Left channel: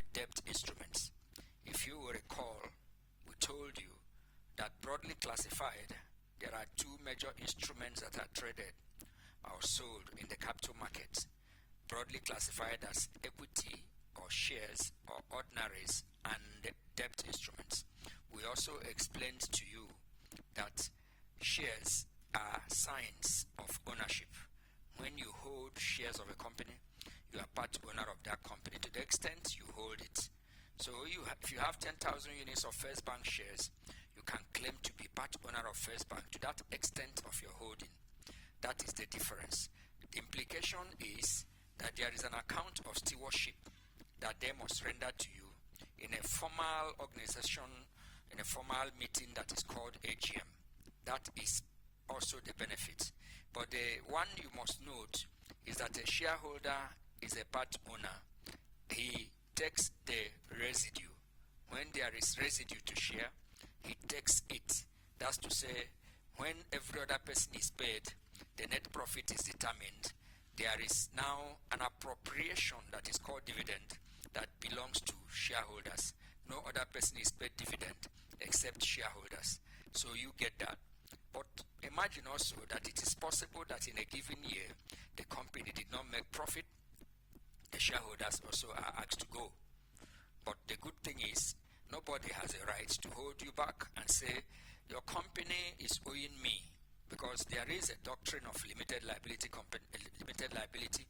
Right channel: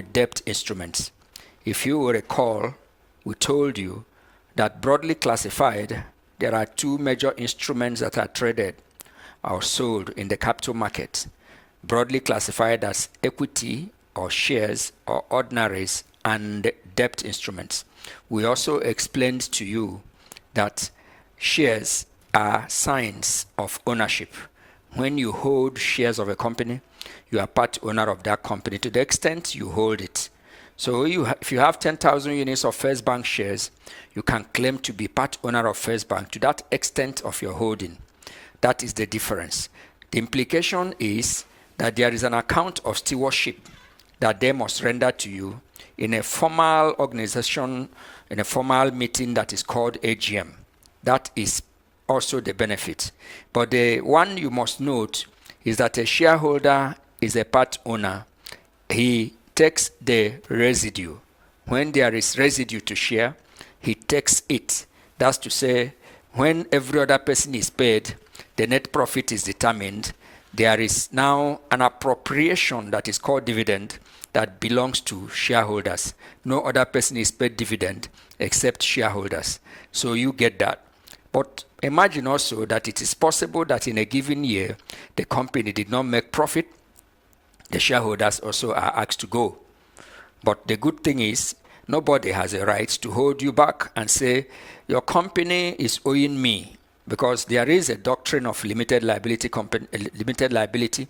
with debt instruments. If you will recall, we told you that broadly classified, there are two major instruments that are traded or sold in the capital market, broadly classified as equity or shares or ordinaries and debt instruments. We also explained to you that shares are signs of ownership. When you hold shares of a company, you are part owner of that company to the extent you hold it. So if you have 10,000 units of First Bank shares, you can claim to be part owner of First Bank to that extent of your holding. That is the difference. The implication is that there is an account of stewardship that they must render to you in a formal organization, in a formal meeting that is called AGM. That is also the benefit. But the one you must note is that a shareholder is a part owner. He takes the residue. When there is residue to share, he takes it. That's to say, when every other person is paid, the net profit is determined. There is now an appropriation that is called dividend that belongs to shareholders. No other person is paid dividend except shareholders. So you get that. But imagine also that it is possible that in a given year, the company did not make profit. The shareholders also are asked to go. But the good thing is, nobody has a right to hold you back and say, your company is owing me, because there is a doctrine of limited liability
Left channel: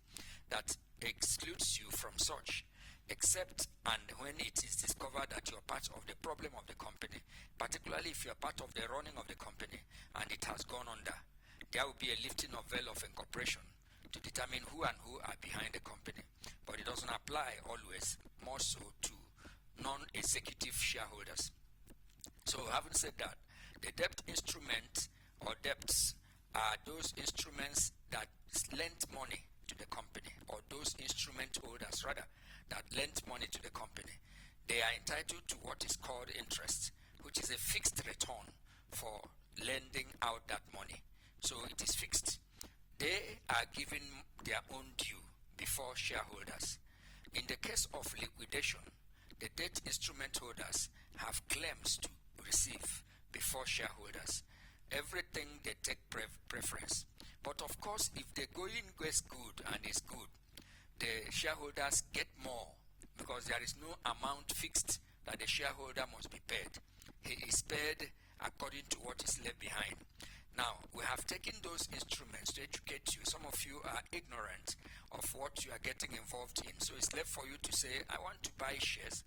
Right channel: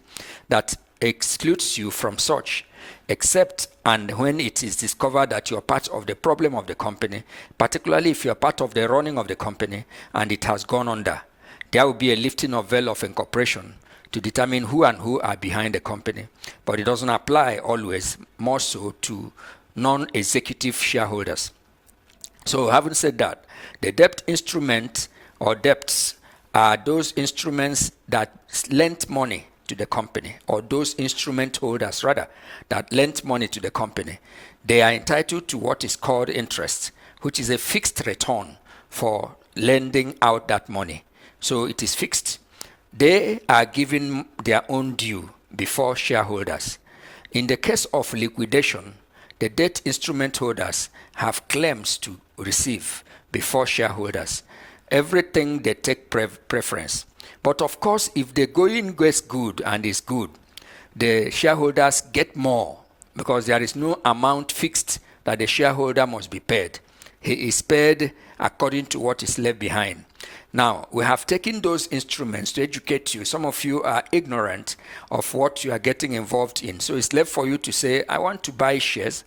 that excludes you from such, except and when it is discovered that you are part of the problem of the company, particularly if you are part of the running of the company and it has gone under. There will be a lifting of veil of incorporation to determine who and who are behind the company. But it doesn't apply always, more so to non-executive shareholders. So having said that, the debt instrument or debts are those instruments that lent money to the company, or those instrument holders rather, that lent money to the company. They are entitled to what is called interest, which is a fixed return for lending out that money. So it is fixed. They are given their own due before shareholders. In the case of liquidation, the debt instrument holders have claims to receive before shareholders. Everything they take preference. But of course, if the going gets good and is good, the shareholders get more because there is no amount fixed that the shareholder must be paid. He is paid according to what is left behind. Now, we have taken those instruments to educate you. Some of you are ignorant of what you are getting involved in. So it's left for you to say, I want to buy shares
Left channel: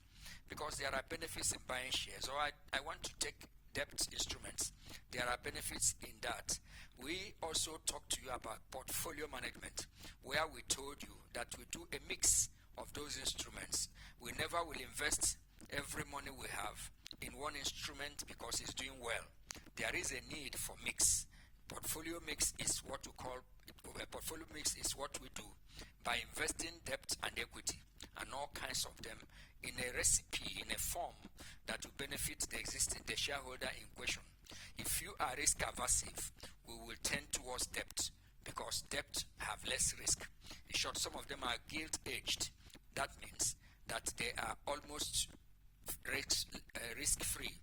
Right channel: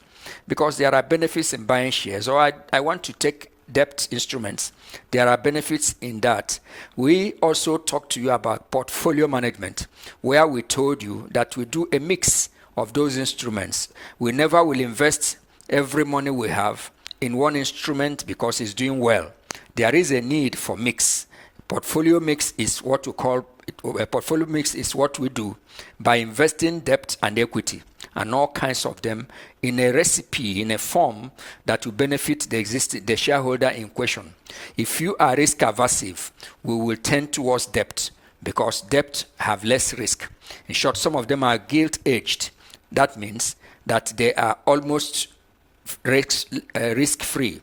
because there are benefits in buying shares, or I want to take debt instruments. There are benefits in that. We also talked to you about portfolio management, where we told you that we do a mix of those instruments. We never will invest every money we have in one instrument because it's doing well. There is a need for mix. Portfolio mix is what we call a portfolio mix is what we do by investing debt and equity and all kinds of them in a recipe, in a form that will benefit the shareholder in question. If you are risk aversive, we will tend towards debt because debt have less risk. In short, some of them are gilt-edged. That means that they are almost risk-free.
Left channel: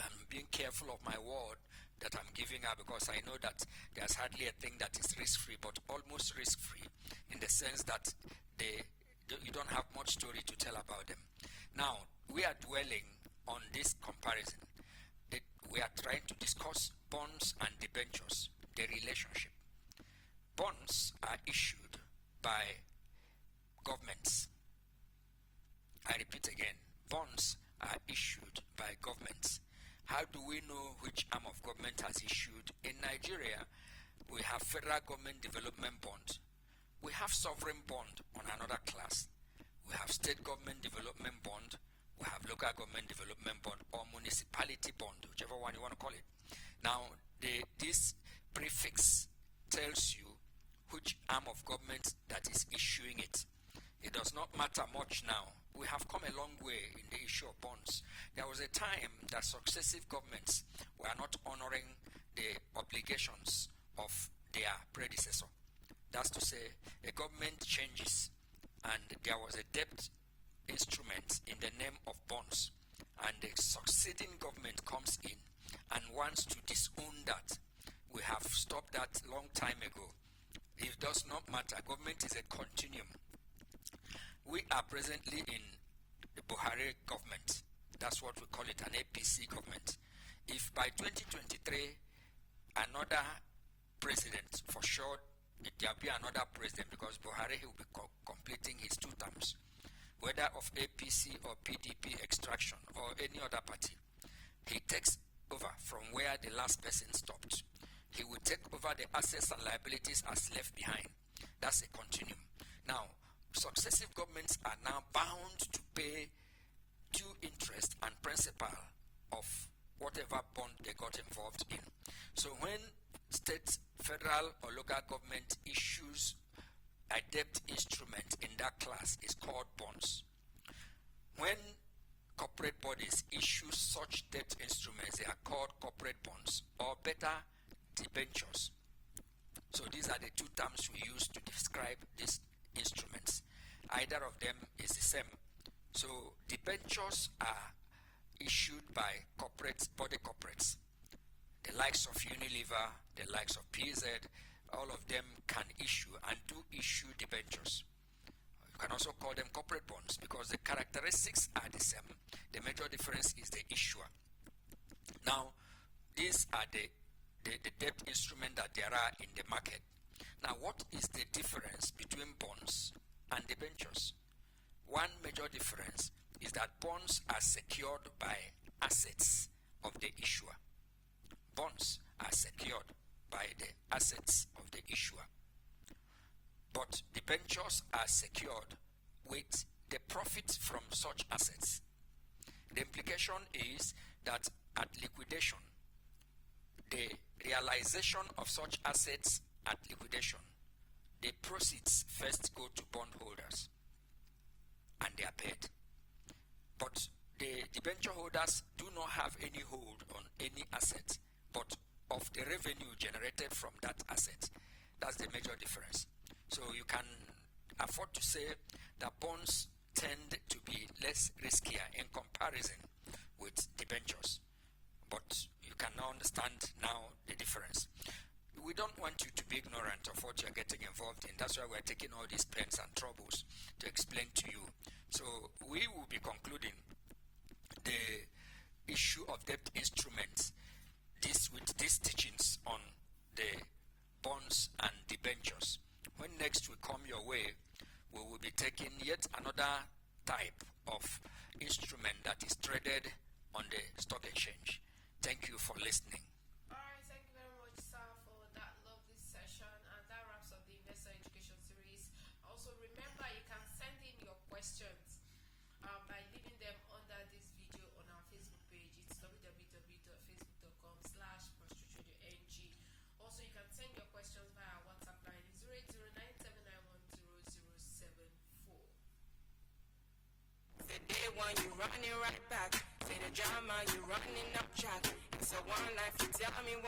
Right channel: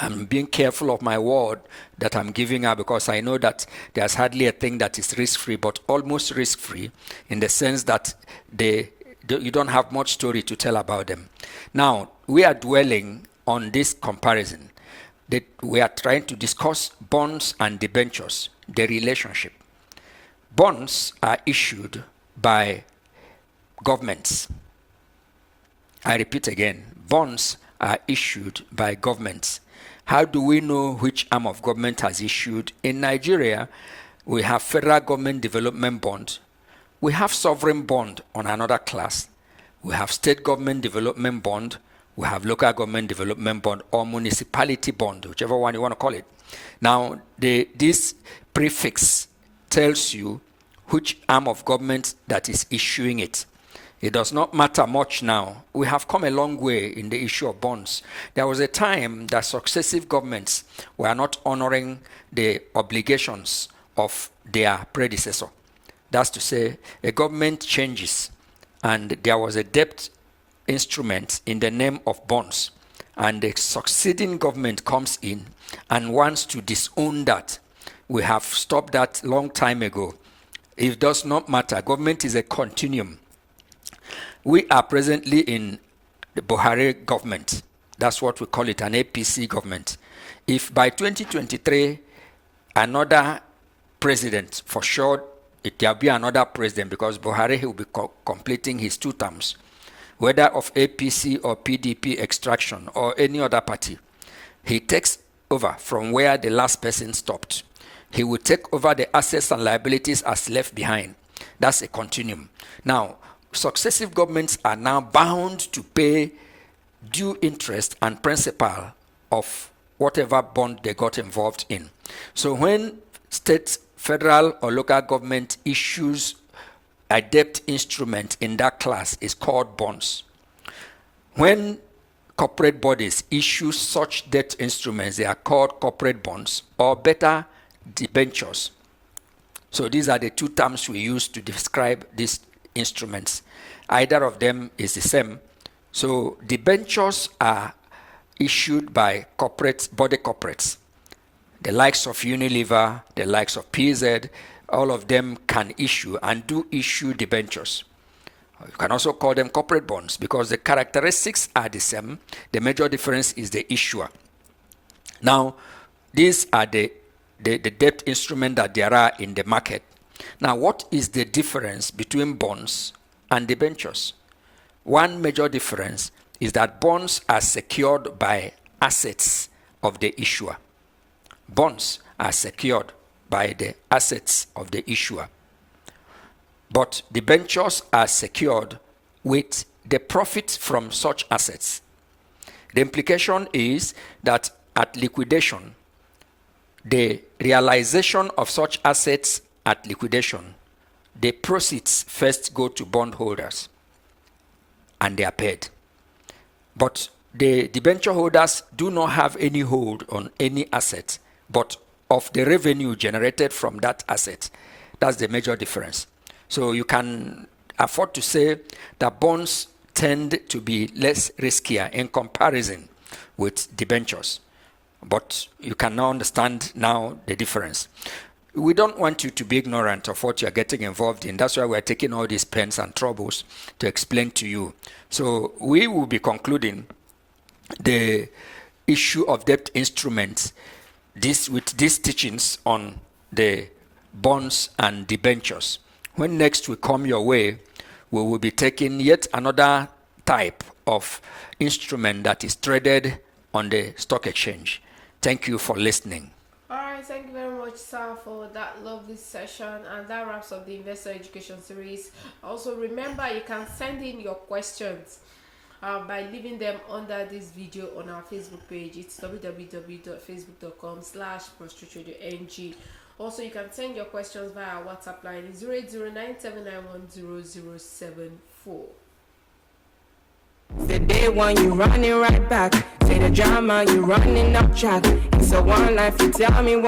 I'm being careful of my word that I'm giving out because I know that there's hardly a thing that is risk-free, but almost risk-free in the sense that you don't have much story to tell about them. Now, we are dwelling on this comparison. That we are trying to discuss bonds and debentures, the relationship. Bonds are issued by governments. I repeat again, bonds are issued by governments. How do we know which arm of government has issued? In Nigeria, we have federal government development bond. We have sovereign bond on another class. We have state government development bond. We have local government development bond or municipality bond, whichever one you want to call it. Now, this prefix tells you which arm of government that is issuing it. It does not matter much now. We have come a long way in the issue of bonds. There was a time that successive governments were not honoring the obligations of their predecessor. That's to say, a government changes, and there was a debt instrument in the name of bonds, and the succeeding government comes in and wants to disown that, we have stopped that long time ago. It does not matter. Government is a continuum. We are presently in the Buhari government. That's what we call it, an APC government. If by 2023, another president, for sure, there will be another president, because Buhari will be completing his 2 terms, whether of APC or PDP extraction or any other party. He takes over from where the last person stopped. He will take over the assets and liabilities as left behind. That's a continuum. Now, successive governments are now bound to pay due interest and principal of whatever bond they got involved in. So when state, federal, or local government issues a debt instrument in that class, is called bonds. When corporate bodies issue such debt instruments, they are called corporate bonds, or better, debentures. So these are the 2 terms we use to describe these instruments. Either of them is the same. So debentures are issued by body corporates. The likes of Unilever, the likes of PZ, all of them can issue and do issue debentures. You can also call them corporate bonds, because the characteristics are the same. The major difference is the issuer. Now, these are the debt instrument that there are in the market. Now, what is the difference between bonds and debentures? One major difference is that bonds are secured by assets of the issuer. Bonds are secured by the assets of the issuer. But debentures are secured with the profits from such assets. The implication is that at liquidation, the realization of such assets at liquidation, the proceeds first go to bondholders and they are paid. But the debenture holders do not have any hold on any asset, but of the revenue generated from that asset. That's the major difference. So you can afford to say that bonds tend to be less riskier in comparison with debentures. But you can now understand now the difference. We don't want you to be ignorant of what you're getting involved in. That's why we're taking all these pains and troubles to explain to you. So we will be concluding the issue of debt instruments with these teachings on the bonds and debentures. When next we come your way, we will be taking yet another type of instrument that is traded on the stock exchange. Thank you for listening. All right, thank you very much, sir, for that lovely session, and that wraps up the investor education series. Also, remember, you can send in your questions by leaving them under this video on our Facebook page. It's www.facebook.com/prostratetradio.ng. Also, you can send your questions via our WhatsApp line 08097910074. The day one you running right back. Say the drama you running up track. It's a one life, you tell me one.